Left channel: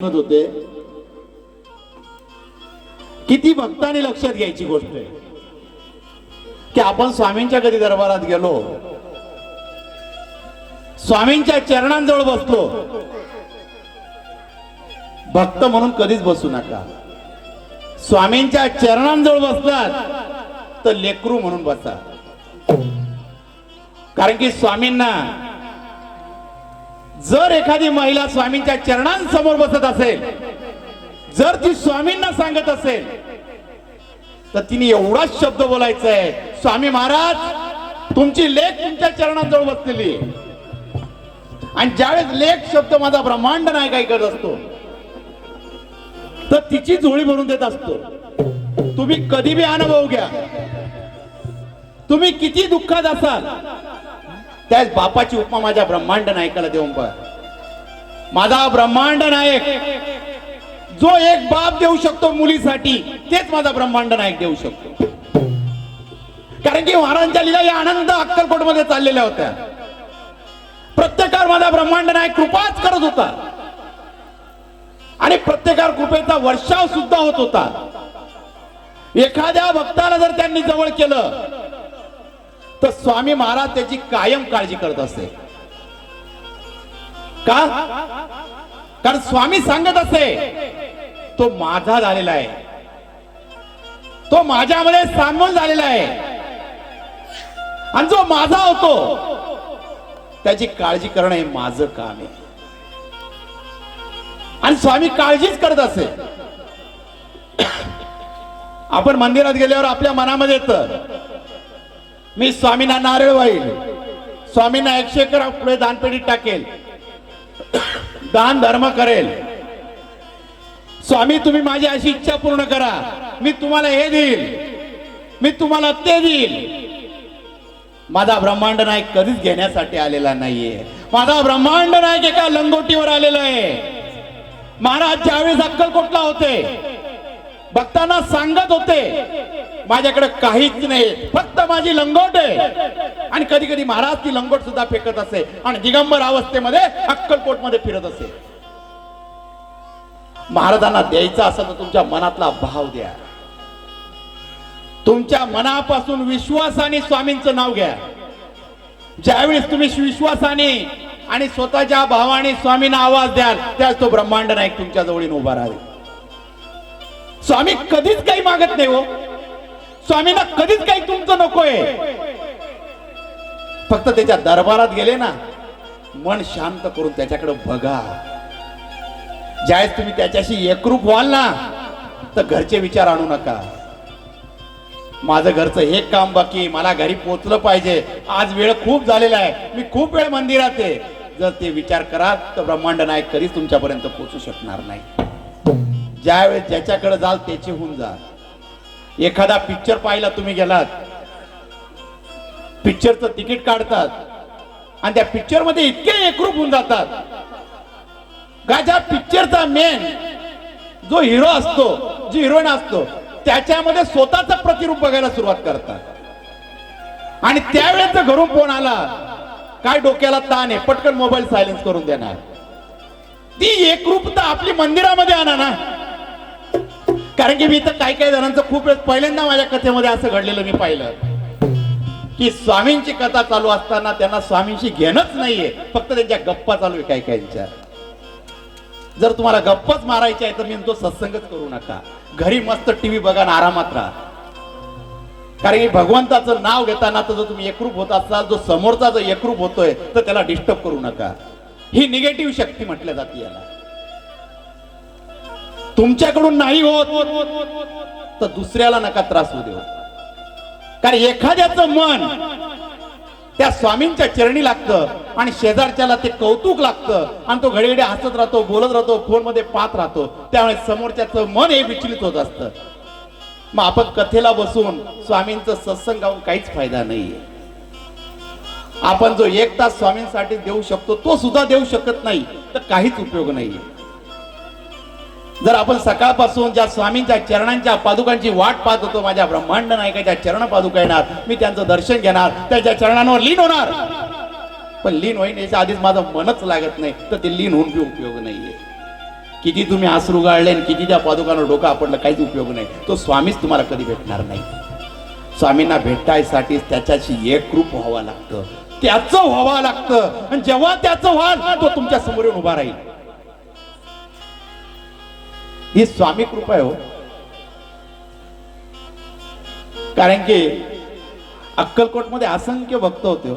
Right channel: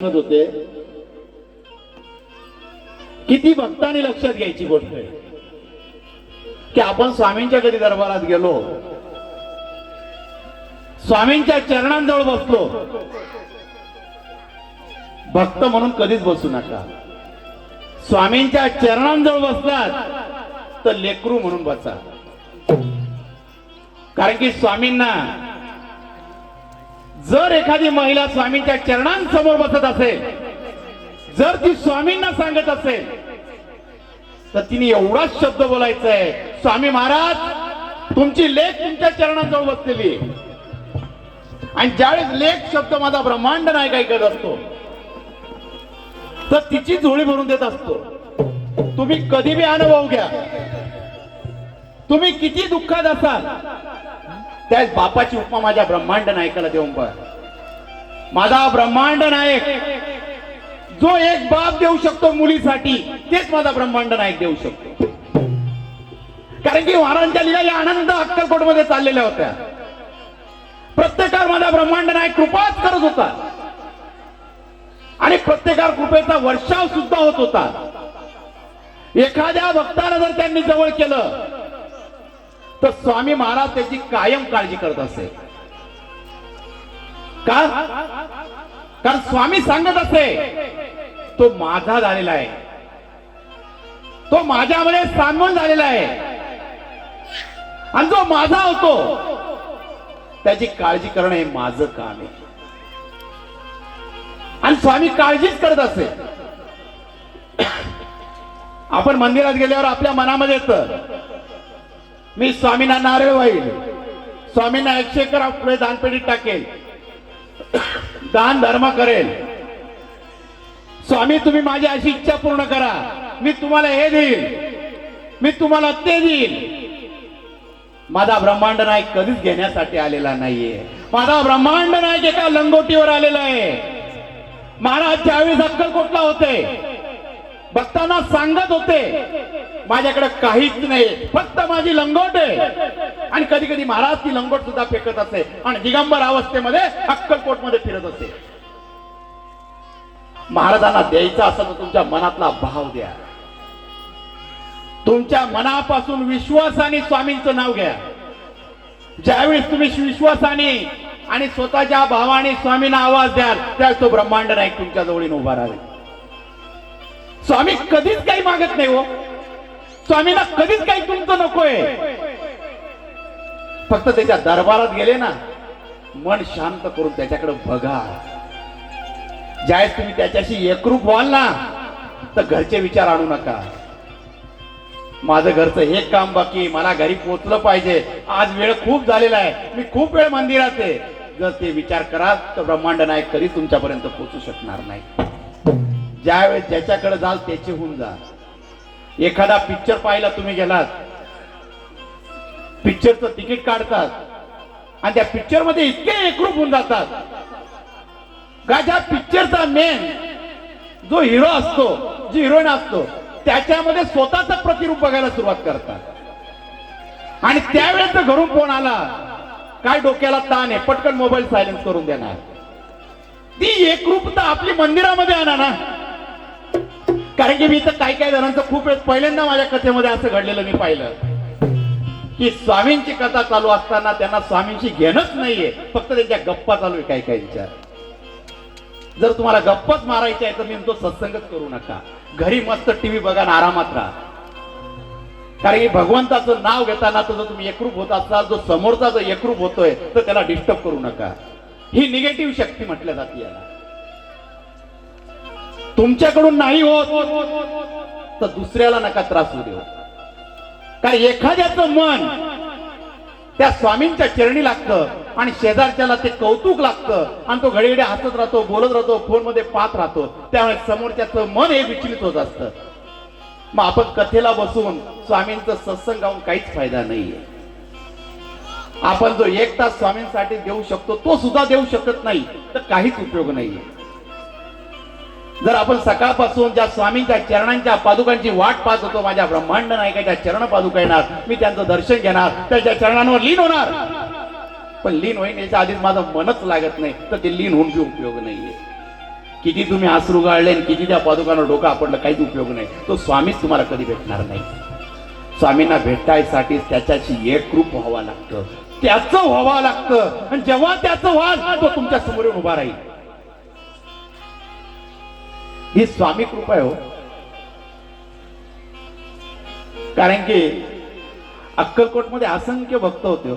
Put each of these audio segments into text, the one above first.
होते किती भक्तांनी लक्षात घ्यायची गोष्ट आहे की आपण स्वामींच्या कधी दरबारात गेलो, स्वामींच्या चरणांजवळ बसलो, भक्त म्हणून कधीच बसू नका. स्वामींच्या चरणांजवळ बसलात तर लेकरू म्हणून बसा. कारण की स्वामींना जर एखादी महिला स्वामींच्या चरणांसमोर बसत असेल, जर ती स्वामींना सांगत असेल तर तिने एवढाच शब्द बोलायचा आहे, स्वामी महाराज तुमची लेक तुमच्या चरणांजवळ बसलेली आहे. आणि ज्यावेळेस लेक शब्द माझा ब्रह्मांड नायक ऐकत असतो तर तिची झोळी म्हणून देत असतो. तुम्ही कधी बी अनुभव घ्या, तुम्ही किती दुःखात असाल त्याच बापाची उपमा माझ्या ब्रह्मांड नायकाला देऊन पहा. माझा ब्रह्मांड नायक जो एक बाप देऊ शकतो मुलीसाठी, तेच माझा ब्रह्मांड नायक देऊ शकतो. कारण की महाराजांच्या लीला या आनंद अक्कलकोट मध्ये चाललेल्या होत्या. प्रत्येकावर माझा ब्रह्मांड नायक कृपाच करत होता आणि प्रत्येकावर कृपेचा वर्षाव सुद्धा होत होता. एखाद्या भक्ताला जर त्यांनी जवळ केलं तर स्वामी महाराज त्याची कायम काळजी करत असे. का? कारण स्वामी सांगत असे तो माझा झालेला आहे, तो माझ्यामध्ये सामील झालेला आहे आणि जो माझा होतो त्याची काळजी करणं हे माझं काम आहे. आणि स्वामी काळजीच करत असे. आपण मंदिरात गेल्यावर आपल्या मनामध्ये येतं मी स्वामींना नारळ वाईल, स्वामींना 100 रुपये दानपेटीत टाकेल, दान धर्म करेल, स्वामी तुम्ही माझी अशी इच्छा पूर्ण करा, मी तुम्हाला हे देईल, मी तुम्हाला ते देईल. माझा ब्रह्मांड नायक कधीच घेण्यासाठी आलेला नाहीये. माझा ब्रह्मांड नायक एका लंगोटीवर आलेला आहे. महाराज ज्यावेळेस अक्कलकोटला होते भक्तांना सांगत होते माझ्याकडे काहीच नाही, फक्त माझी लंगोट आहे. आणि कधी कधी महाराज ती लंगोट सुद्धा फेकत असे आणि दिगंबर अवस्थेमध्ये अक्कलकोट मध्ये फिरत असे. महाराजांना द्यायचा असा तर तुमच्या मनातला भाव द्या, तुमच्या मनापासून विश्वासाने स्वामींचं नाव घ्या. ज्यावेळेस तुम्ही विश्वासाने आणि स्वतःच्या भावाने स्वामींना आवाज द्याल त्यावेळेस तो ब्रह्मांड नायक तुमच्या जवळीन उभा राहील. स्वामी कधीच काही मागत नाही हो, स्वामींना कधीच काही तुमचं नकोय. फक्त त्याच्या दरबारात गेले ना, मन शांत करून त्याच्याकडे बघा. ज्यावेळेस तुम्ही त्याच्याशी एकरूप व्हाल ना तर घरचे विचार आणू नका. माझं घरचं हे काम बाकी, मला घरी पोहोचलं पाहिजे, आज वेळ खूप झालेला आहे, मी खूप वेळ मंदिरात आहे. जर ते विचार कराल तर ब्रह्मांड नायक कधीच तुमच्यापर्यंत पोहोचू शकणार नाही. ज्यावेळेस ज्याच्याकडे जाल त्याचे होऊन जा. एखादा पिक्चर पाहिला तुम्ही गेलात, पिक्चरचं तिकीट काढतात आणि त्या पिक्चर मध्ये इतके एकरूप होऊन जातात का ज्या पिक्चरचा मेन जो हिरो असतो, जी हिरोईन असतो त्याच्यामध्ये स्वतःच प्रतिरूप बघायला सुरुवात करतात. आणि त्यावेळेस घरून फोन आला, काय डोक्याला ताण आहे, पटकन मोबाईल सायलेन्स करून देणार. ती एकरूपता आपली मंदिरामध्ये आणा ना. कारण की मी तर काही काही जणांचं खूप वेळ पहिल्यांदा माझ्या कथेमध्ये असं घडलेलं मी पाहिलं की स्वामींची कथा चालू असताना त्यांना स्वामींशी घेणंच नाहीये, फक्त त्यांच्या गप्पा चालू आहे काही काहींच्या. जर तुम्हाला गप्पच मारायची आहे तर मी म्हणतो सत्संगच करू नका, घरी मस्त टीव्ही बघा आणि आरामात राहा. कारण की भगवंताचं नाव घेताना तर जर तुम्ही एकरूप होत असाल, जो समोरचा जो एकरूप होतोय तर त्याला डिस्टर्ब करू नका. ही निगेटिव्ह शक्ती म्हटल्या जाते याला. तुमच्याकडून नाही होत तर दुसऱ्याला नका त्रास होऊ देऊ. कारण एखाद्याचं मन त्या स्वामींच्या चरणी लागतं आणि शेजारच्याला ते कौतुक लागतं आणि तो घडी घडी हसत राहतो, बोलत राहतो, फोन मध्ये पाहत राहतो. त्यामुळे समोरच्याचं मन हे विचलित होत असतं. मग आपण कथेला बसून स्वामींचं सत्संग गाऊन काहीच फायदा नाहीये. आपण जो 1 तास स्वामींसाठी देऊ शकतो तो सुद्धा देऊ शकत नाही तर काहीच उपयोग नाहीये. जर आपण सकाळपासून ज्या स्वामींच्या चरणांच्या पादुकांची वाट पाहत होतो, माझ्या ब्रह्मांड नायकाच्या चरण पादुका येणार, मी त्यांचं दर्शन घेणार, त्याच्या चरणांवर लीन होणार, पण लीन होईन याच्या आधीच माझं मनच लागत नाही तर ते लीन होऊन उपयोग नाहीये. किती तुम्ही आसरू गाळले आणि किती त्या पादुकांना डोकं आपडलं, काहीच उपयोग नाही. तो स्वामीच तुम्हाला कधी भेटणार नाही. स्वामींना भेटायसाठी त्याच्याशी एकरूप व्हावं लागतं, त्याचं व्हावं लागतं. आणि जेव्हा त्याचं व्हाल तो तुमच्या समोर येऊन उभा राहील. ही स्वामी कृपा आहे हो. कारण की अक्कलकोटमध्ये असंख्य भक्त होते हो.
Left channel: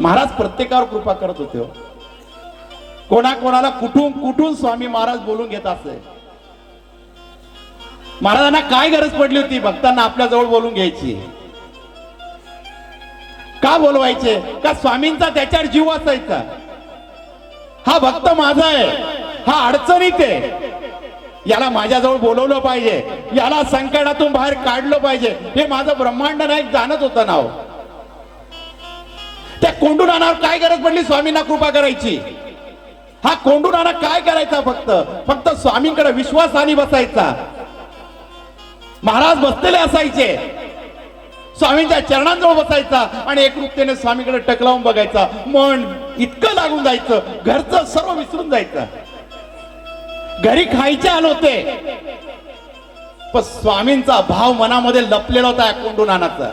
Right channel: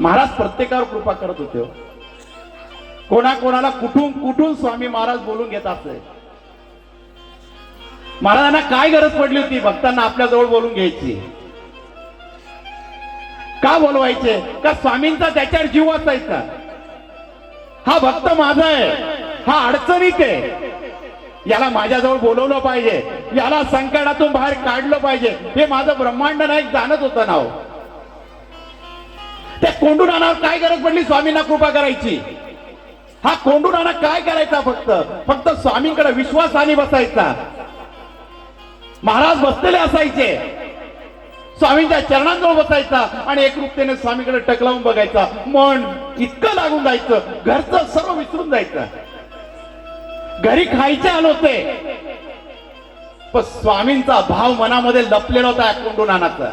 महाराज प्रत्येकावर कृपा करत होते हो. कोणाकोणाला कुठून कुठून स्वामी महाराज बोलून घेत असे. महाराजांना काय गरज पडली होती भक्तांना आपल्या जवळ बोलून घ्यायची? का बोलवायचे? का स्वामींचा त्याच्यावर जीव असायचा. हा भक्त माझा आहे, हा अडचणीत आहे, याला माझ्याजवळ बोलवलं पाहिजे, याला संकटातून बाहेर काढलं पाहिजे, हे माझं ब्रह्मांड नायक जाणत होतं ना हो. त्या कोंडू नानावर काय गरज पडली स्वामींना कृपा करायची? हा कोंडू नाना काय करायचा? फक्त स्वामींकडे विश्वासाने बसायचा. महाराज बसलेले असायचे, स्वामींच्या चरणांजवळ बसायचा आणि एकरूपतेने स्वामीकडे टकलावून बघायचा. मन इतकं लागून जायचं, घरचं सर्व विसरून जायचं. घरी खायचे आले होते, पण स्वामींचा भाव मनामध्ये लपलेला होता. कोंडू नानाचा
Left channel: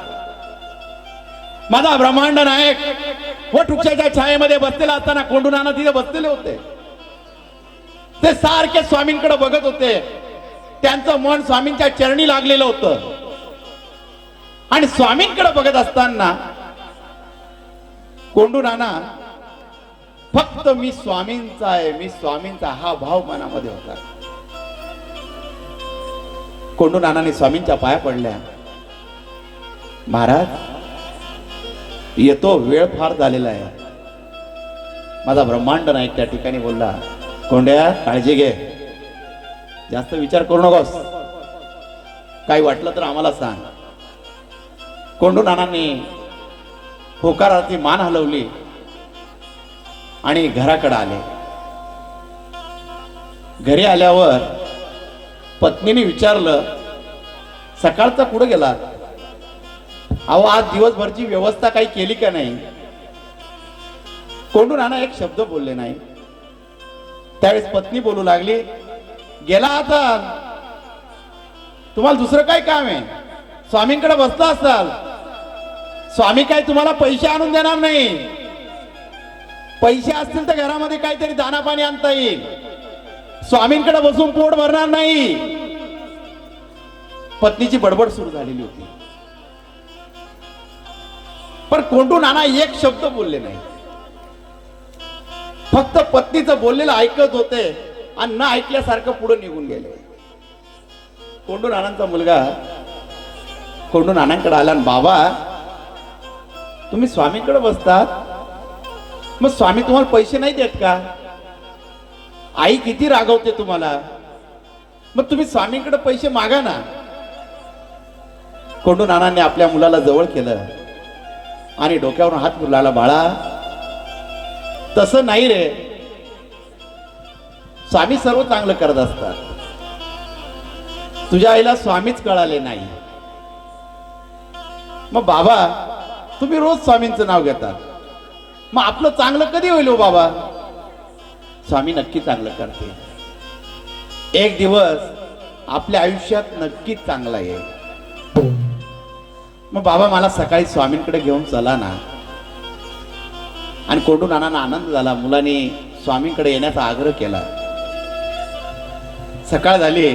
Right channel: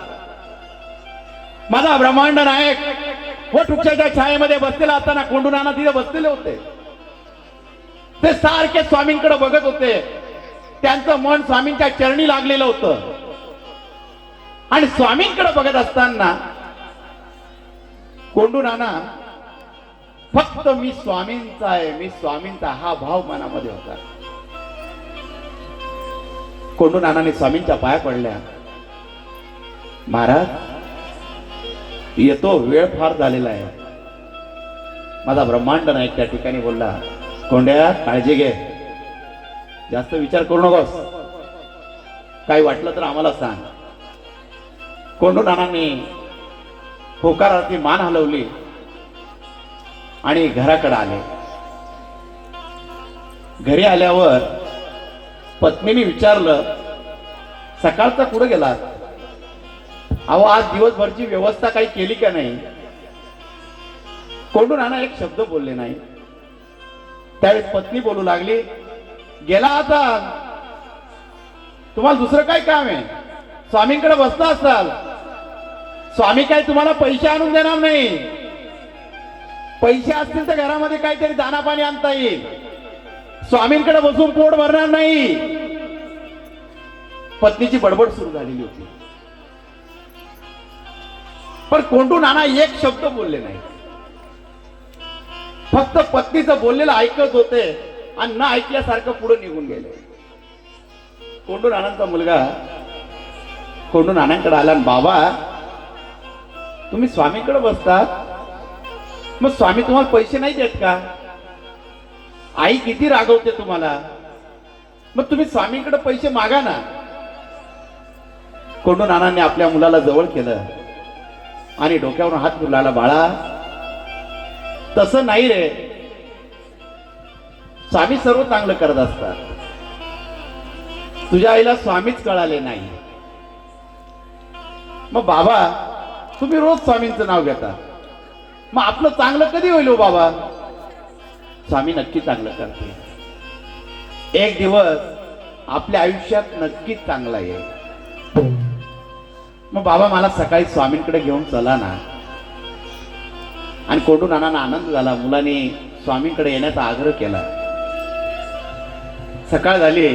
माझा ब्रह्मांड नायक वटवृक्षाच्या छायेमध्ये बसलेला असताना कोंडू नाना तिथे बसलेले होते. ते सारखे स्वामींकडे बघत होते. त्यांचं मन स्वामींच्या चरणी लागलेलं होतं. आणि स्वामींकडे बघत असताना कोंडू नाना फक्त मी स्वामींचा आहे, मी स्वामींचा, हा भाव मनामध्ये होता. कोंडू नानाने स्वामींच्या पाया पडल्या. महाराज येतो, वेळ फार झालेला आहे. माझा ब्रह्मांड नायक त्या ठिकाणी बोलला, कोंड्या काळजी घे, जास्त विचार करू नकोस, काही वाटलं तर आम्हाला सांग. कोंडू नानांनी होकारार्थी मान हलवली आणि घराकडे आले. घरी आल्यावर पत्नीने विचारलं, सकाळचा कुठं गेला? अहो आज दिवसभरची व्यवस्था काही केली का नाही? कोंडू नाना एक शब्द बोलले नाही. त्यावेळेस पत्नी बोलू लागली, गेला आता, तुम्हाला दुसरं काय काम आहे? स्वामींकडे बसला असाल, स्वामी काय तुम्हाला पैसे आणून देणार नाही. पैसे असतील तर घरामध्ये काहीतरी दाना पाणी आणता येईल, स्वामींकडे बसून पोट भरणार नाही. पत्नीची बडबड सुरू झालेली होती. पण कोंडू नाना एक शब्द बोलले नाही, फक्त पत्नीचं बोललेलं ऐकत होते आणि न ऐकल्यासारखं पुढे निघून गेले. कोंडू नानांचा मुलगा कोंडू नानांकडे आला, बाबा तुम्ही स्वामींकडे बसतात, मग स्वामी तुम्हाला पैसे नाही देत का? आई किती रागवते तुम्हाला, मग तुम्ही स्वामींकडे पैसे मागा ना. कोंडू नानांनी आपल्या मुलाला जवळ केलं आणि डोक्यावर हात फिरवला, बाळा तसं नाही रे, स्वामी सर्व चांगलं करत असतात. तुझ्या आईला स्वामीच कळाले नाही. मग बाबा तुम्ही रोज स्वामींचं नाव घेता, मग आपलं चांगलं कधी होईल हो बाबा? स्वामी नक्की चांगलं करते. एक दिवस आपल्या आयुष्यात नक्कीच चांगला येईल. मग बाबा मला सकाळी स्वामींकडे घेऊन चला ना. आणि कोंडू नानांना आनंद झाला, मुलाने स्वामींकडे येण्याचा आग्रह केला. सकाळ झाली,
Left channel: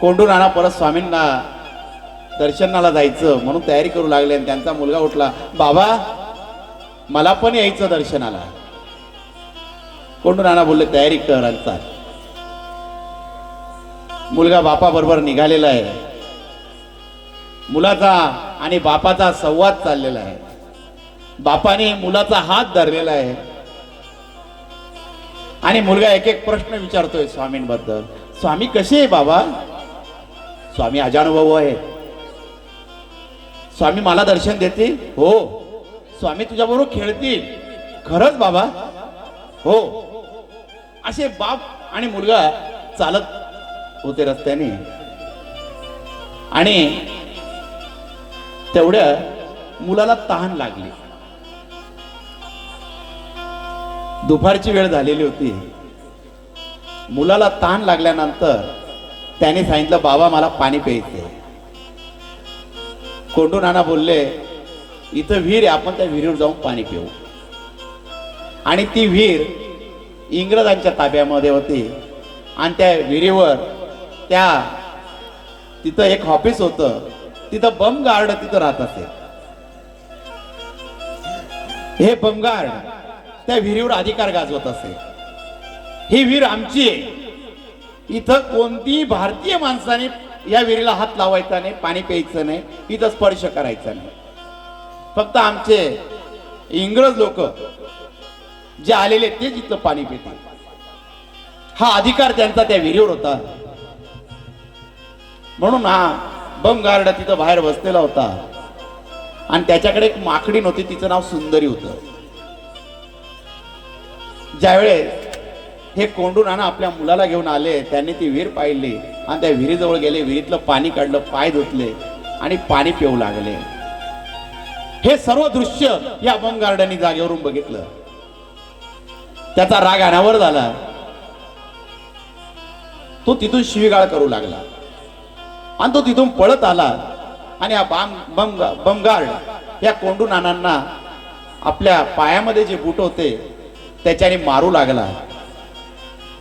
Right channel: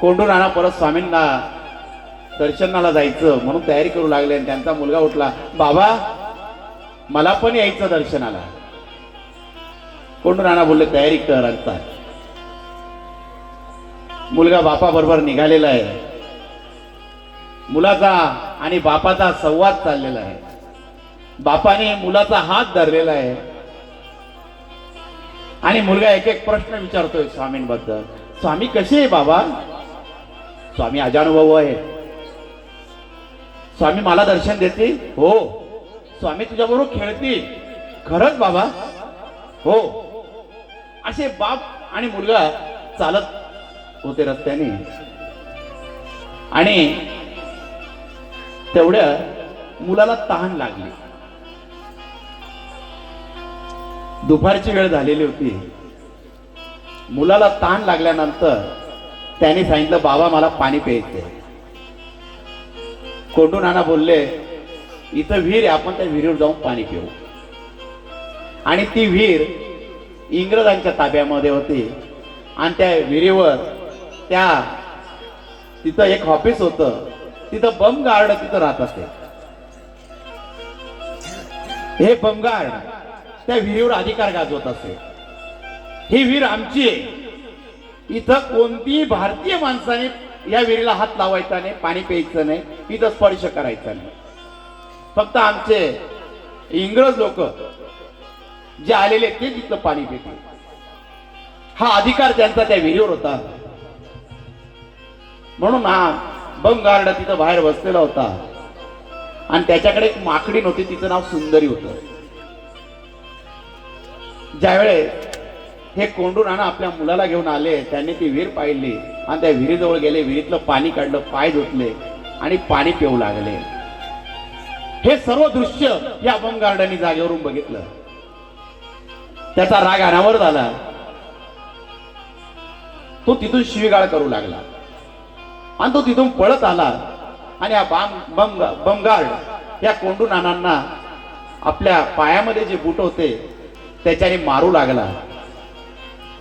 कोंडू नाना परत स्वामींना दर्शनाला जायचं म्हणून तयारी करू लागले. आणि त्यांचा मुलगा उठला, बाबा मला पण यायचं दर्शनाला. कोंडू नाना बोलले, तयारी कर आणि चाल. मुलगा बापा बरोबर निघालेला आहे. मुलाचा आणि बापाचा संवाद चाललेला आहे. बापाने मुलाचा हात धरलेला आहे आणि मुलगा एक एक प्रश्न विचारतोय स्वामींबद्दल. स्वामी कसे आहे बाबा? स्वामी अजानुभव आहे. स्वामी मला दर्शन देतील? हो. स्वामी तुझ्या बरोबर खेळतील? खरंच बाबा? हो. असे बाप आणि मुलगा चालत होते रस्त्याने. आणि तेवढ्या मुलाला तहान लागली. दुपारची वेळ झालेली होती. मुलाला ताण लागल्यानंतर त्याने सांगितलं, बाबा मला पाणी प्यायचंय. कोंडू नाना बोलले, इथं विहीर आहे, आपण त्या विहिरीवर जाऊन पाणी पिऊ. आणि ती विहीर इंग्रजांच्या ताब्यामध्ये होती. आणि त्या विहिरीवर तिथं एक ऑफिस होतं, तिथं बमगार्ड तिथं राहत असे. हे बमगार्ड त्या विहिरीवर अधिकार गाजवत असे. ही विहीर आमची आहे, इथं कोणतीही भारतीय माणसाने या विहिरीला हात लावायचा नाही, पाणी प्यायचं नाही, इथं स्पर्श करायचा नाही. फक्त आमचे इंग्रज लोक जे आलेले ते इथं पाणी पितात. हा अधिकार त्यांचा त्या विहिरीवर होता. म्हणून हा बमगार्ड तिथं बाहेर बसलेला होता. आणि त्याच्याकडे एक माकडी नव्हती, तिचं नाव सुंदरी होतं. ज्यावेळेस हे कोंडू नाना आपल्या मुलाला घेऊन आले, त्यांनी ती विहीर पाहिली आणि त्या विहिरीजवळ गेले, विहिरीतलं पाणी काढलं, पाय धुतले आणि पाणी पिऊ लागले. हे सर्व दृश्य या बमगार्डांनी जागेवरून बघितलं. त्याचा राग अनावर झाला. तो तिथून शिवीगाळ करू लागला आणि तो तिथून पळत आला. आणि हा बमगार्ड या कोंडू नानांना आपल्या पायामध्ये जे बूट होते त्याच्याने मारू लागला.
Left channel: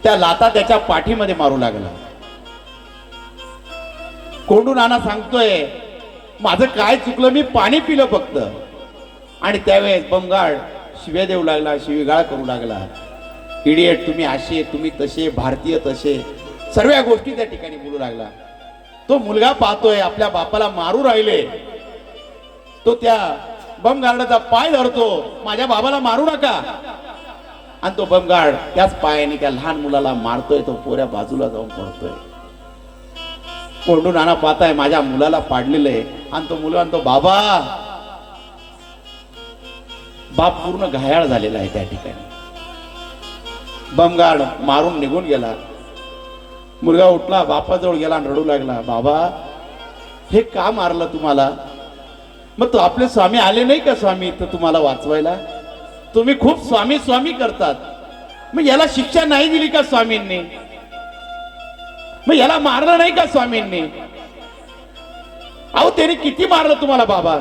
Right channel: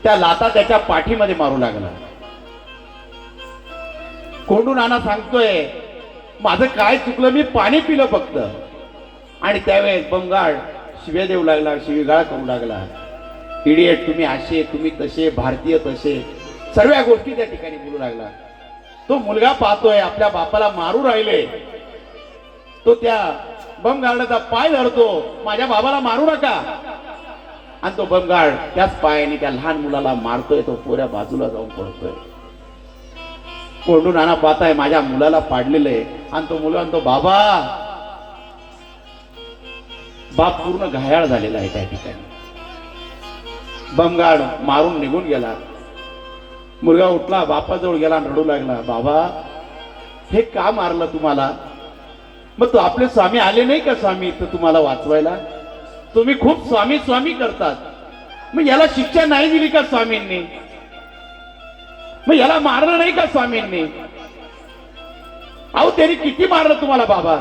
त्या लाता त्याच्या पाठीमध्ये मारू लागला. कोंडू नाना सांगतोय, माझं काय चुकलं, मी पाणी पिलं फक्त. आणि त्यावेळेस बमगार्ड शिव्या देऊ लागला, शिवीगाळ करू लागला. इडियट, तुम्ही असे, तुम्ही तसे, भारतीय तसे, सर्व गोष्टी त्या ठिकाणी बोलू लागला. तो मुलगा पाहतोय आपल्या बापाला मारू राहिले. तो त्या बमगार्डाचा पाय धरतो, माझ्या बाबाला मारू नका. आणि तो बमगार्ड त्याच पायाने त्या लहान मुलाला मारतोय. तो पोऱ्या बाजूला जाऊन पडतोय. कोंडू नाना पाहताय माझ्या मुलाला पाडलेलं आहे. आणि तो मुलगा म्हणतो, बाबा. बाप पूर्ण घायाळ झालेला आहे त्या ठिकाणी. बमगार्ड मारून निघून गेला. मुलगा उठला, बापाजवळ गेला आणि रडू लागला, बाबा हे का मारलं तुम्हाला? मग तो आपले स्वामी आले नाही का स्वामी इथं तुम्हाला वाचवायला? तुम्ही खूप स्वामी स्वामी करतात, मग याला शिक्षा नाही दिली का स्वामींनी? मग याला मारलं नाही का स्वामींनी? अहो त्यांनी किती मारलं तुम्हाला बाबा?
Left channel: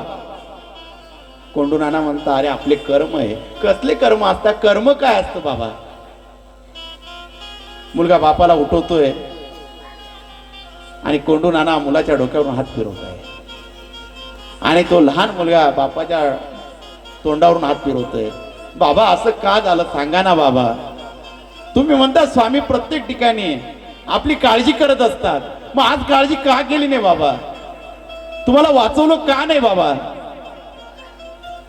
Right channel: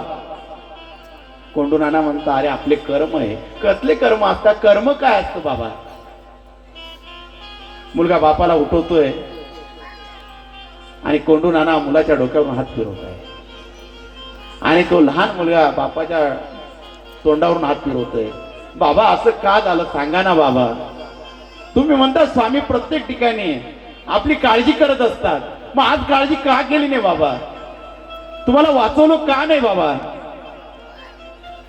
कोंडू नाना म्हणता, अरे आपले कर्म आहे. कसले कर्म असतात? कर्म काय असतं बाबा? मुलगा बापाला उठवतोय आणि कोंडू नाना मुलाच्या डोक्यावरून हात फिरवत आहे. आणि तो लहान मुलगा बापाच्या तोंडावरून हात फिरवतोय. बाबा असं का झालं सांगा ना बाबा. तुम्ही म्हणता स्वामी प्रत्येक ठिकाणी आपली काळजी करत असतात, मग आज काळजी का केली नाही बाबा? तुम्हाला वाचवलं का नाही बाबा?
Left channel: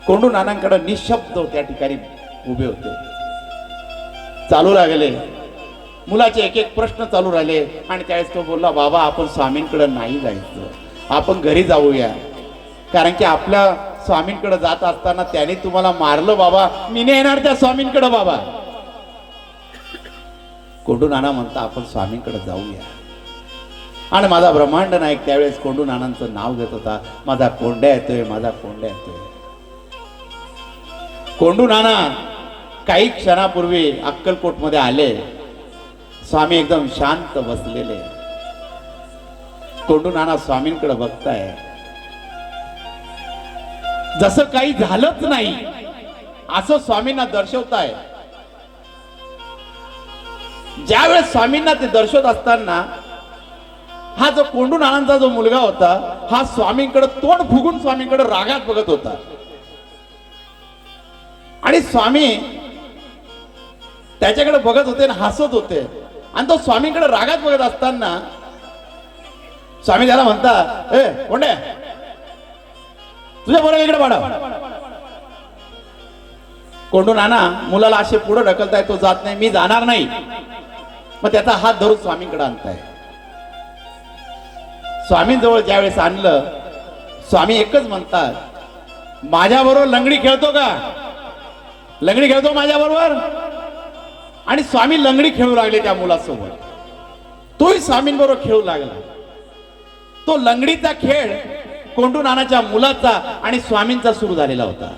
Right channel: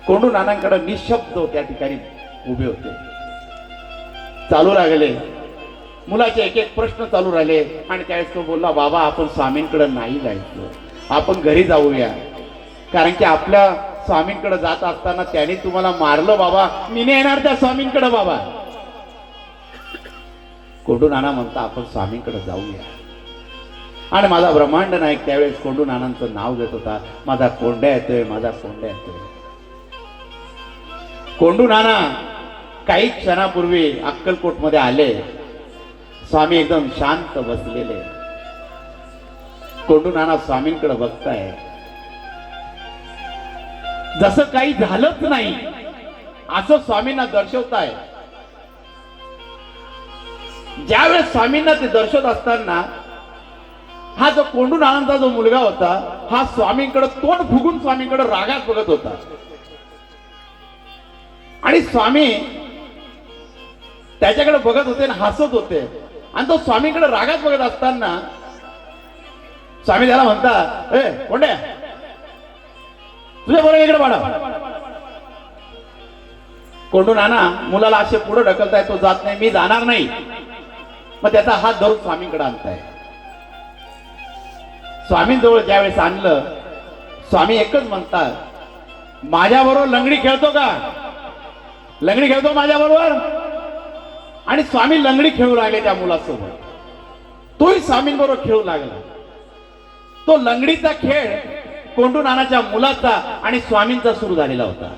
कोंडू नानांकडे निशब्द त्या ठिकाणी उभे होते. चालू लागले मुलाचे एक एक प्रश्न चालू राहिले. आणि त्यावेळेस तो बोलला, बाबा आपण स्वामींकडे नाही जायचं, आपण घरी जाऊया. कारण की आपल्या स्वामींकडे जात असताना त्याने तुम्हाला मारलं बाबा, मी नाही येणार त्या स्वामींकडे बाबा. कोंडू नाना म्हणता, आपण स्वामींकडे जाऊया. आणि माझा ब्रह्मांड नायक त्यावेळेस कोंडू नानांचं नाव घेत होता, माझा कोंड्या येतोय, माझा कोंड्या येतोय. कोंडू नाना काही क्षणापूर्वी अक्कलकोट मध्ये आले. स्वामी एकदम शांत बसलेले. कोंडू नाना स्वामींकडे बघताय, जसं काही झालंच नाही असं स्वामींना दर्शवताय. ज्यावेळेस स्वामींना ते दर्शवत असताना हा जो कोंडू नानांचा जो मुलगा होता, हा स्वामींकडे तोंड फुगून स्वामींकडे रागात बघत होता. आणि स्वामी त्याच्याकडे बघत होते आणि हसत होते. आणि तो स्वामींकडे रागात बघत असताना स्वामी त्याला म्हणता, ए कोंड्या, तुझ्या बरोबर इकडे वाढा. कोंडू नाना मुलाला असे पुढे ढकलताय, तो जात नाही, मी जाणार नाही. मग त्याचा हात धरून स्वामींकडे आणताय. स्वामींजवळ ज्यावेळेस आणलं, स्वामी एकच म्हणतात, माझ्या बरोबर लंगडी खेळतो का? लंगडी खेळतो माझ्या बरोबर? आणि स्वामी लंगडी खेळू लागले त्या मुलासोबत. तोही स्वामींबरोबर खेळू लागला. तो लंगडीचा खेळ कोंडू नानाच्या मुलाचा आणि स्वामींचा सुरू झालेला होता.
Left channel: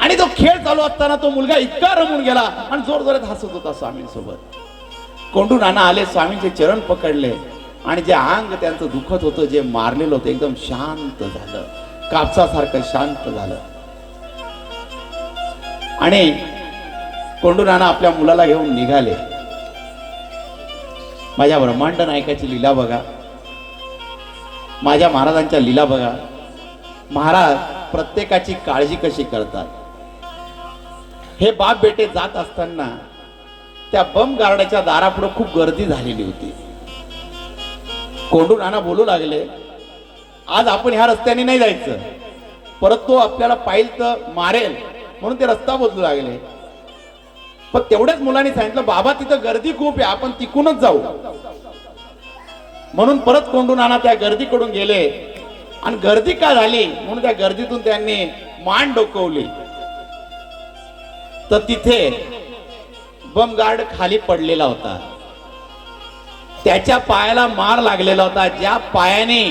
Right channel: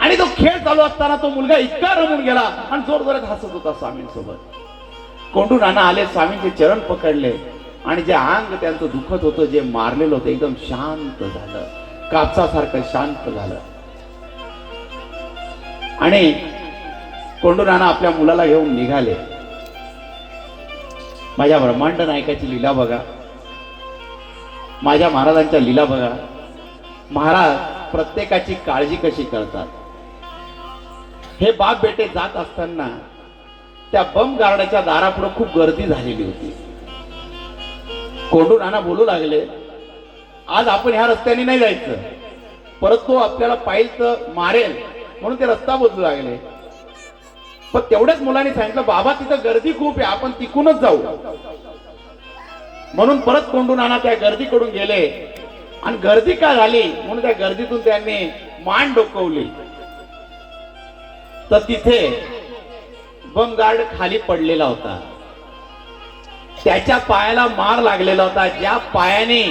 आणि तो खेळ चालू असताना तो मुलगा इतका रमून गेला आणि जोर जोरात हसत होता स्वामींसोबत. कोंडू नाना आले, स्वामींचे चरण पकडले आणि जे अंग त्यांचं दुखत होतं, जे मारलेलं होतं, एकदम शांत झालं, कापसासारखं शांत झालं. आणि कोंडू नाना आपल्या मुलाला घेऊन निघाले. माझ्या ब्रह्मांड नायकाची लीला बघा, माझ्या महाराजांच्या लीला बघा. महाराज प्रत्येकाची काळजी कशी करतात. हे बाप बेटे जात असताना त्या बम गार्डाच्या दारापुढे खूप गर्दी झालेली होती. कोंडू नाना बोलू लागले, आज आपण ह्या रस्त्याने नाही जायचं, परत तो आपल्याला पाहिल तर मारेल, म्हणून ते रस्ता बदलू लागले. पण तेवढ्याच मुलांनी सांगितलं, बाबा तिथं गर्दी खूप आहे, आपण तिकूनच जाऊ. म्हणून परत कोंडू नाना त्या गर्दीकडून गेले आणि गर्दी का झाली म्हणून त्या गर्दीतून त्यांनी मान डोकवली तर तिथे बम गार्ड खाली पडलेला होता. त्याच्या पायाला मार लागलेला होता. ज्या पायाने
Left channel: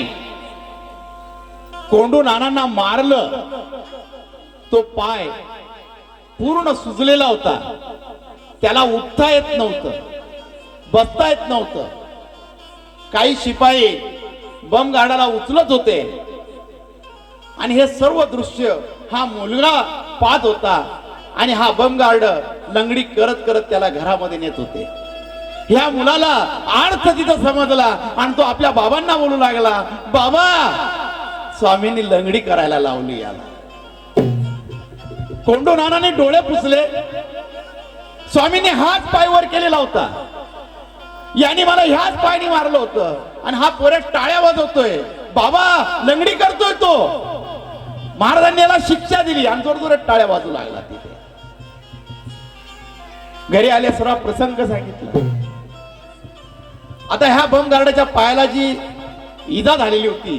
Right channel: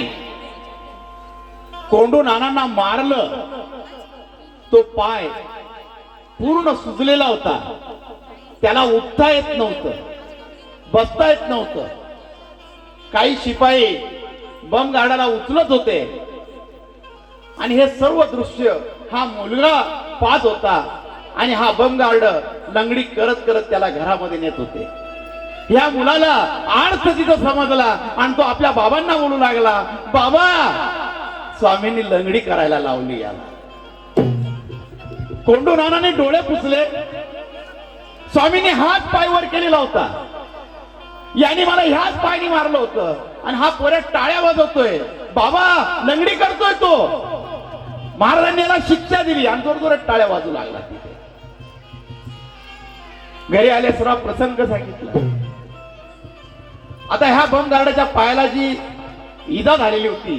कोंडू नानांना मारलं तो पाय पूर्ण सुजलेला होता. त्याला उठता येत नव्हतं, बसता येत नव्हतं. काही शिपाई बम गार्डाला उचलत होते आणि हे सर्व दृश्य हा मुलगा पाहत होता आणि हा बम गार्ड लंगडी करत करत त्याला घरामध्ये नेत होते. ह्या मुलाला अर्थ तिथं समजला आणि तो आपल्या बाबांना बोलू लागला, बाबा स्वामींनी लंगडी करायला लावली याला. कोंडू नानाने डोळे पुसले. स्वामींनी हात पाय वर केलेला होता. याने मला ह्याच पायनी मारलं होतं आणि हा पोरे टाळ्या वाजवतोय, बाबा लंगडी करतोय तो. महाराजांनी याला शिक्षा दिली आणि जोर जोरात टाळ्या वाजू लागला. तिथे घरी आले, सर्व प्रसंग सांगितला. आता ह्या बम गार्डाच्या पायाला जी इजा झालेली होती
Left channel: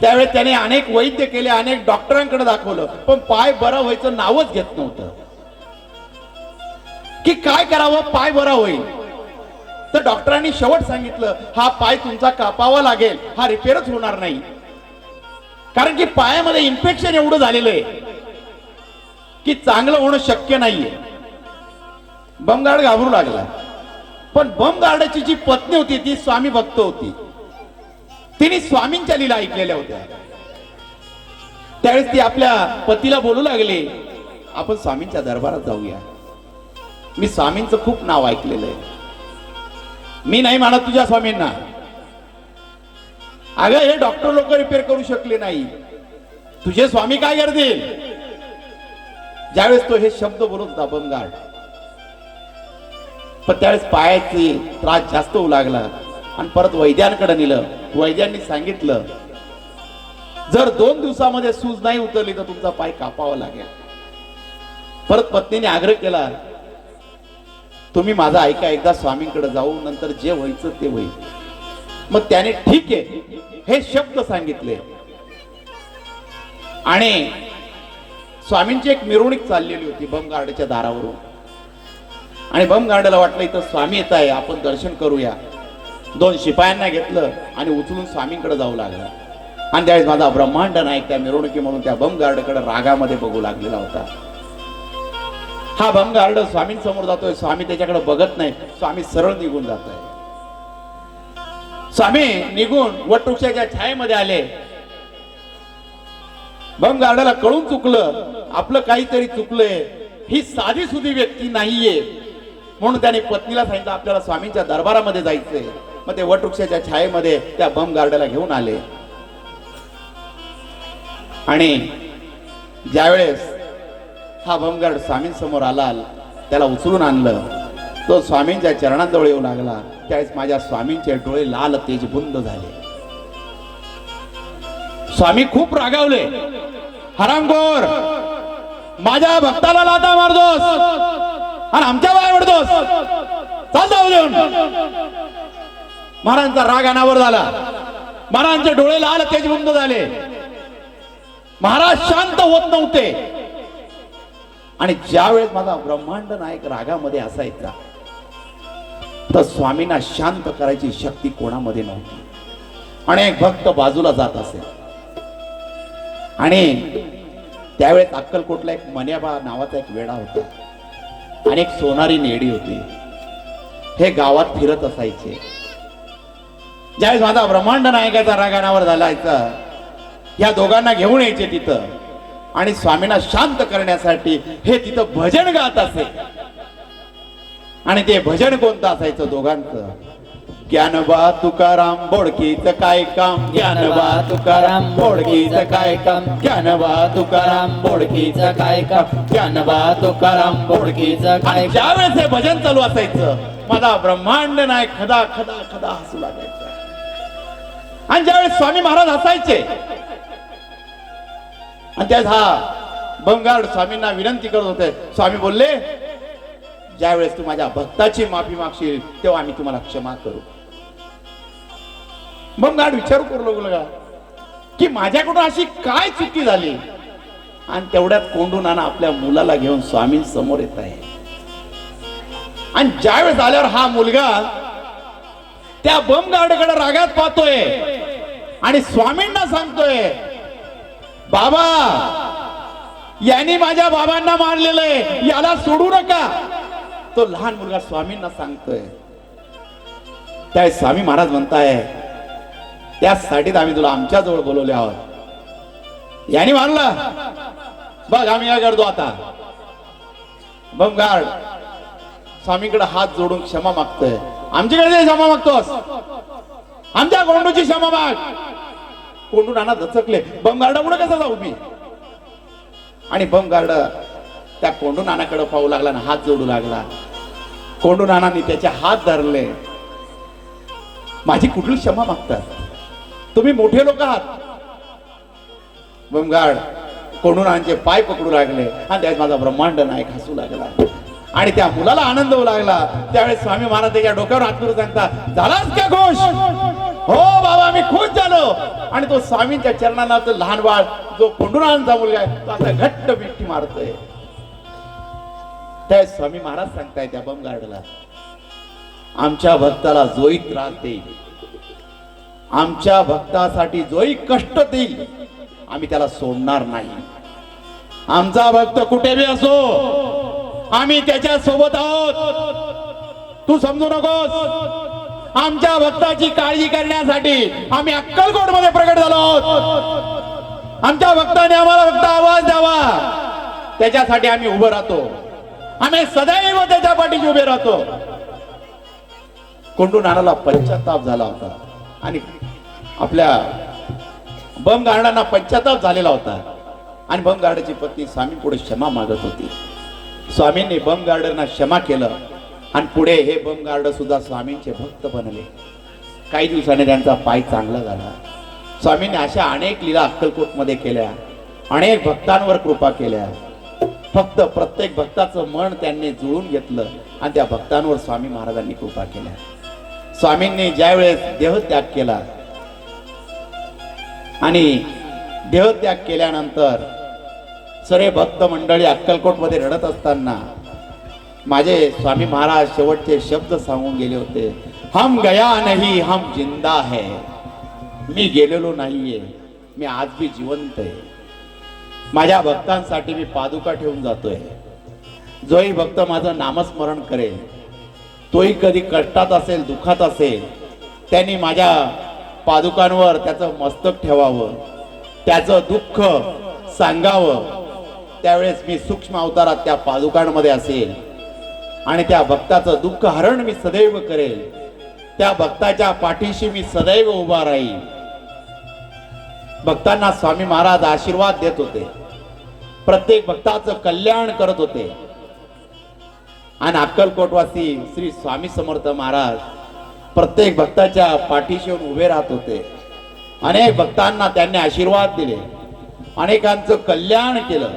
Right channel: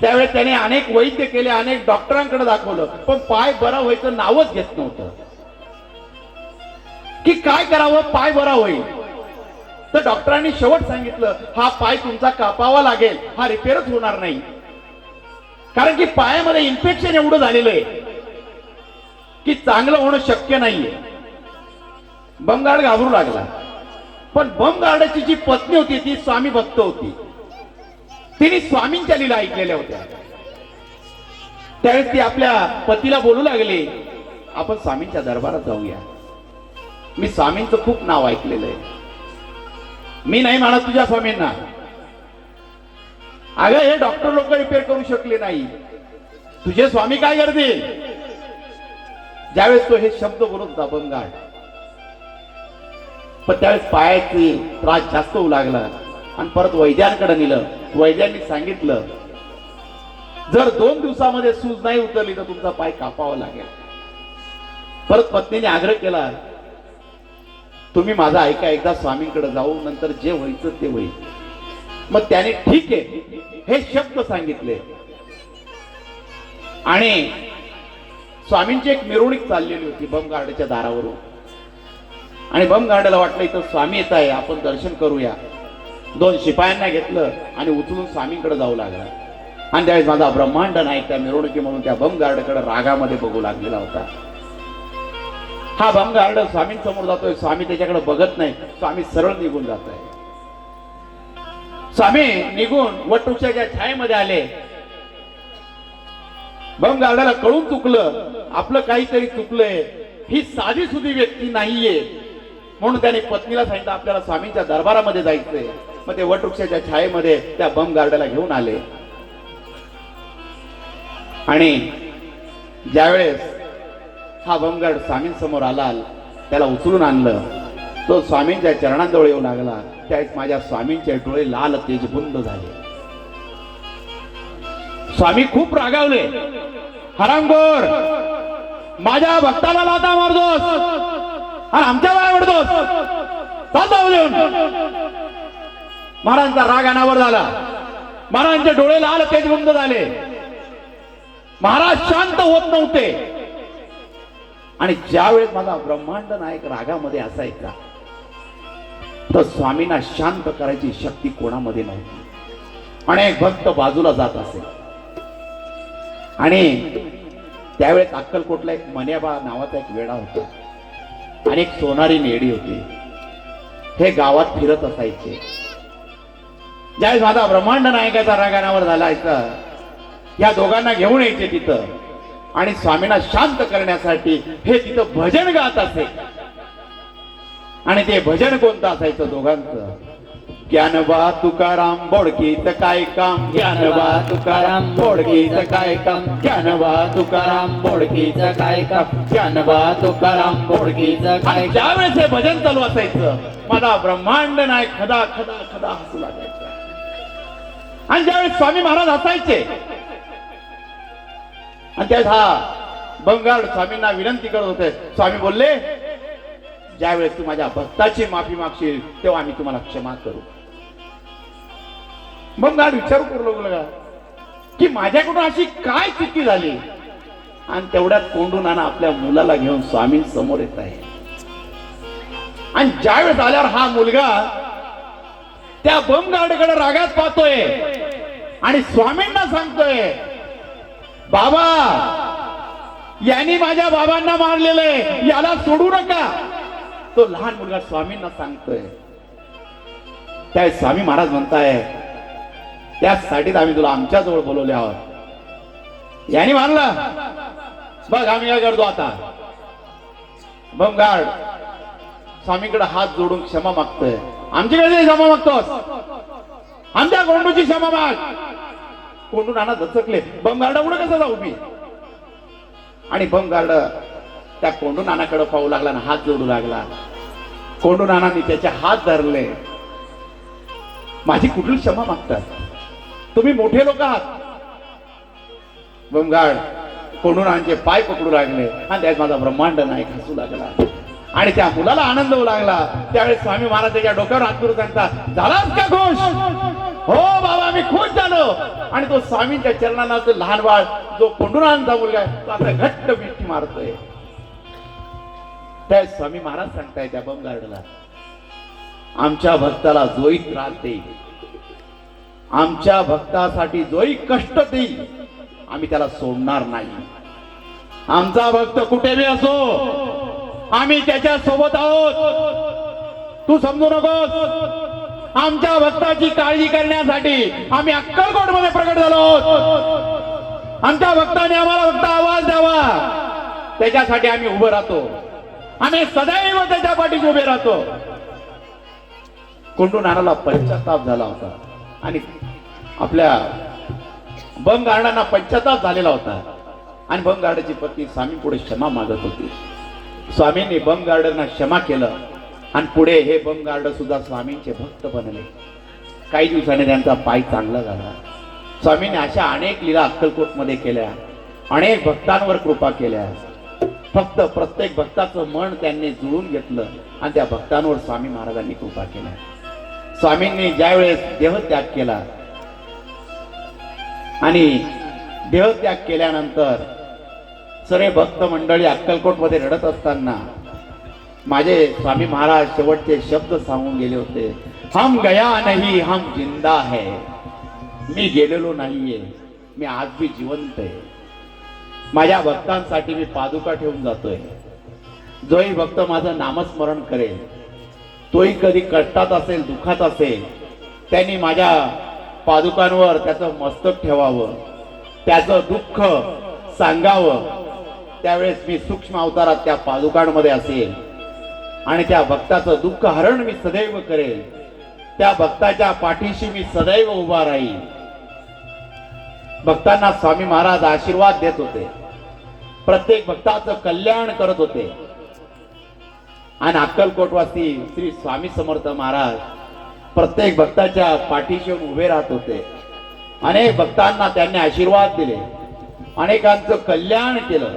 त्यावेळेस त्याने अनेक वैद्य केले, अनेक डॉक्टरांकडे दाखवलं, पण पाय बरा व्हायचं नावच घेत नव्हतं. की काय करावं पाय बरा होईल. तर डॉक्टरांनी शेवट सांगितलं, हा पाय तुमचा कापावा लागेल, हा रिपेअरच होणार नाही. कारण की पायामध्ये इन्फेक्शन एवढं झालेलं आहे की चांगलं होणं शक्य नाहीये. बम गार्ड घाबरू लागला. पण बम गार्डाची जी पत्नी होती ती स्वामी भक्त होती. तिने स्वामींच्या लीला ऐकलेल्या होत्या. त्यावेळेस ती आपल्या पतीला बोलू लागली, आपण स्वामींच्या दरबारात जाऊया. मी स्वामींचं खूप नाव ऐकलेलं आहे. मी नाही म्हणत तुझ्या स्वामींना. अगं हे डॉक्टर लोक रिपेअर करू शकले नाही, तुझे स्वामी काय करतील. ज्यावेळेस तो हे शब्द बोलत होता बम गार्ड, पण त्यावेळेस पायाचे त्रास जास्त होऊ लागला आणि परत वैद्यांकडे नेलं. वैद्यांनी सांगितलं, जर 2 दिवसामध्ये सूज नाही उतरली तर तुमचा पाय कापावा लागेल. परत पत्नीने आग्रह केला, तुम्ही माझा ऐका, एकदा स्वामींकडे जाऊ, नंतर जे व्हायचं ते होईल. मग त्याने ठीक आहे हे शब्द सांगितले आणि स्वामींची एक मिरवणूक चाललेली होती बम गार्डच्या दारावरून. आणि बम गार्डला वाटलं इथं स्वामी येत आहे, आपण दर्शन करूया. 2 शिपायांना घेतलं आणि उचलून स्वामींकडे जाऊ लागला. आणि त्यावेळेस माझा ब्रह्मांड नायक त्या मिरवणुकी म्हणून त्या बम गार्डकडे रागामध्ये बघू लागलेला होता. हा बम गार्ड स्वामींसमोर जातोय, स्वामी त्याच्याकडे बघत नाही. स्वामी सरळ निघून जात आहे. स्वामी निघून वटवृक्षाच्या छायेमध्ये आले. बम गार्डाला कळून चुकलं, आपलं काहीतरी चुकलंय, ही साधी सुधी व्यक्ती नाहीये. म्हणून त्याने पत्नीला सांगितलं, आपल्याला स्वामींच्या दरबारामध्ये जायचंय. मग ते वटवृक्षाच्या छायेमध्ये त्या बम गार्डाला घेऊन आले. आणि ज्यावेळेस हा बम गार्ड स्वामींसमोर आला, त्याला उचलून आणलं. तो स्वामींच्या चरणांजवळ येऊ लागला. त्यावेळेस माझ्या स्वामींचे डोळे लाल तेजबुंद झाले. स्वामी खूप रागावले, हरामखोर, माझ्या भक्ताला लाथा मारतोस आणि आमच्या बाय ओढतोस, चालतो देऊन. महाराजांचा राग अनावर झाला. महाराजांचे डोळे लाल तेजबुंद झाले. महाराज शांत होत नव्हते. आणि ज्यावेळेस माझा ब्रह्मांड नायक रागामध्ये असायचा तर स्वामींना शांत करायची शक्ती कोणामध्ये नव्हती. अनेक भक्त बाजूला जात असे आणि त्यावेळेस अक्कलकोटला एक मन्याबा नावाचा एक वेडा होता आणि एक सोनारी नेडी होती. हे गावात फिरत असायचे. ज्यावेळेस माझा ब्रह्मांड नायकाचा रंगानावर झालायचा, या दोघांना घेऊन यायचे तिथं आणि स्वामींना शांत करण्यासाठी हे तिथं भजन गात असे. आणि ते भजन कोणतं असायचं दोघांचं? ज्ञानोबा तुकाराम बोडकीचं काय काम, ज्ञानोबा तुकाराम बोडकीचं काय काम, ज्ञानोबा तुकाराम बोडकीचं काय काम, ज्ञानोबा तुकाराम बोडकीचं काय. ज्यावेळेस हे भजन चालू असायचं, माझा ब्रह्मांड नायक खदा खदा खदा हसू लागायचा. आणि ज्यावेळेस स्वामी महाराज हसायचे आणि त्यावेळेस हा बंगाड स्वामींना विनंती करत होते. स्वामी बोलले, ज्यावेळेस तू माझ्या भक्ताची माफी मागशील तेव्हा आम्ही तुम्हाला क्षमा करू. बंगाड विचारू करू लागला की माझ्याकडून अशी काय चुकी झाली. आणि तेवढ्यात कोंडू नाना आपल्या मुलाला घेऊन स्वामी समोर येत आहे. आणि ज्यावेळेस आल्यावर हा मुलगा त्या बमगार्डकडे रागात पाहतोय आणि स्वामींना सांगतोय, बाबा यांनी माझ्या बाबांना मारलेलंय, याला सोडू नका. तो लहान मुलगा स्वामींना सांगतोय. त्या स्वामी महाराज म्हणताय, त्यासाठी आम्ही तुला आमच्या जवळ बोलवले आहोत. यांनी मारलं बघ, आम्ही काय करतो आता. बमगार्ड स्वामीकडे हात जोडून क्षमा मागतोय. आमच्याकडे क्षमा मागतोस, आमच्या कोंडूची क्षमा माग. कोंडू नाना दचकले, बमगार्ड पुढे कसं जाऊ मी. आणि बमगार्ड त्या कोंडू नानाकडे पाहू लागला आणि हात जोडू लागला. कोंडू नानांनी त्याचे हात धरले. माझी कुठली क्षमा मागतात, तुम्ही मोठे लोक आहात. बमगार्ड कोंडू नानांचे पाय पकडू लागले आणि त्यात माझा ब्रह्मांड नायक हसू लागला. आणि त्या मुलाला आनंद होऊ लागला. त्यावेळेस स्वामी महाराज त्याच्या डोक्यावर हात करून सांगतात, झालास का खुश? हो बाबा, मी खुश झालो. आणि तो स्वामींच्या चरणाला तो लहान बाळ जो कोंडूनांचा मुलगा आहे, तो आता घट्ट मिठी मारतोय. त्या स्वामी महाराज सांगताय त्या बमगार्डला, आमच्या भक्ताला जोही त्रास देईल, आमच्या भक्तासाठी जोही कष्ट देईल, आम्ही त्याला सोडणार नाही. आमचा भक्त कुठे बी असो, आम्ही त्याच्या सोबत आहोत. तू समजू नकोस. आमच्या भक्ताची काळजी करण्यासाठी आम्ही अक्कलकोट मध्ये प्रकट झालो आहोत. आमच्या भक्ताने आम्हाला फक्त आवाज द्यावा, त्याच्यासाठी आम्ही उभं राहतो. आम्ही सदैव त्याच्या पाठीशी उभे राहतो. कोंडू नानाला पश्चाताप झाला होता आणि आपल्या बमगार्डांना पश्चाताप झालेला होता. आणि बमगार्डाची पत्नी स्वामी पुढे क्षमा मागत होती. स्वामींनी बमगार्डांना क्षमा केलं आणि पुढे हे बमगार्ड सुद्धा स्वामींचे भक्त बनले. काही दिवसांनी त्यांचा पाय चांगला झाला. स्वामींनी अशा अनेक लीला अक्कलकोट मध्ये केल्या, अनेक भक्तांवर कृपा केल्या. फक्त प्रत्येक भक्ताचं मन त्यांनी जुळून घेतलं आणि त्या भक्तांवर स्वामी महाराजांनी कृपा केल्या. स्वामींनी ज्यावेळेस देहत्याग केला आणि देहत्याग केल्यानंतर सर्व भक्त मंडळी अक्कलकोट मध्ये रडत असताना माझे स्वामी महाराज शेवटचे शब्द सांगून गेले होते, हम गया नहीं हम जिंदा है. मी गेलेलो नाहीये, मी आज भी जिवंत आहे. माझ्या भक्तांसाठी मी पादुका ठेवून जातोय. जोही भक्त माझं नामस्मरण करेल, तोही कधी कष्टात असेल, दुःखात असेल, त्यांनी माझ्या पादुकांवर त्याचं मस्तक ठेवावं, त्याचं दुःख सांगावं. त्यावेळेस मी सूक्ष्म अवतारात त्या पादुकांमध्ये असेल आणि त्या भक्ताचं दुःख हरण मी सदैव करेल. त्या भक्ताच्या पाठीशी मी सदैव उभा राहील. भक्तांना स्वामी महाराज आशीर्वाद देत होते, प्रत्येक भक्ताचं कल्याण करत होते. आणि अक्कलकोटवासी श्री स्वामी समर्थ महाराज प्रत्येक भक्ताच्या पाठीशी उभे राहत होते. अनेक भक्तांना त्यांनी आशीर्वाद दिले, अनेकांचं कल्याण केलं,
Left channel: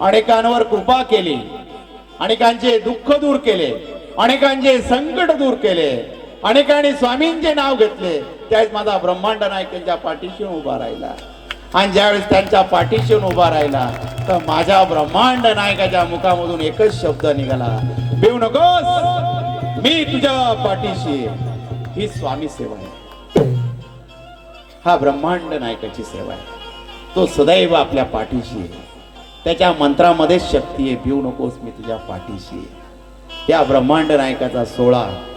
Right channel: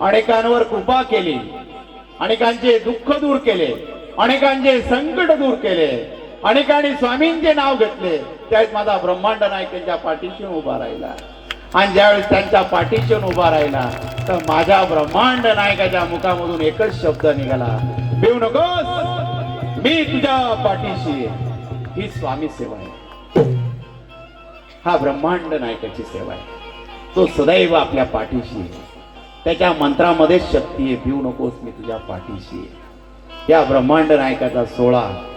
अनेकांवर कृपा केली, अनेकांचे दुःख दूर केले, अनेकांचे संकट दूर केले, अनेकांनी स्वामींचे नाव घेतले. त्यावेळेस माझा ब्रह्मांड नायक त्यांच्या पाठीशी उभा राहिला. आणि ज्यावेळेस त्यांच्या पाठीशी उभा राहिला तर माझ्या ब्रह्मांड नायकाच्या मुखामधून एकच शब्द निघाला, भिवू नकोस, मी तुझ्या पाठीशी. ही स्वामी सेवा आहे, हा ब्रह्मांड नायकाची सेवा आहे. तो सदैव आपल्या पाठीशी. त्याच्या मंत्रामध्ये शक्ती आहे, भिवू नकोस, मी तुझ्या पाठीशी आहे. या ब्रह्मांड नायकाचा सोहळा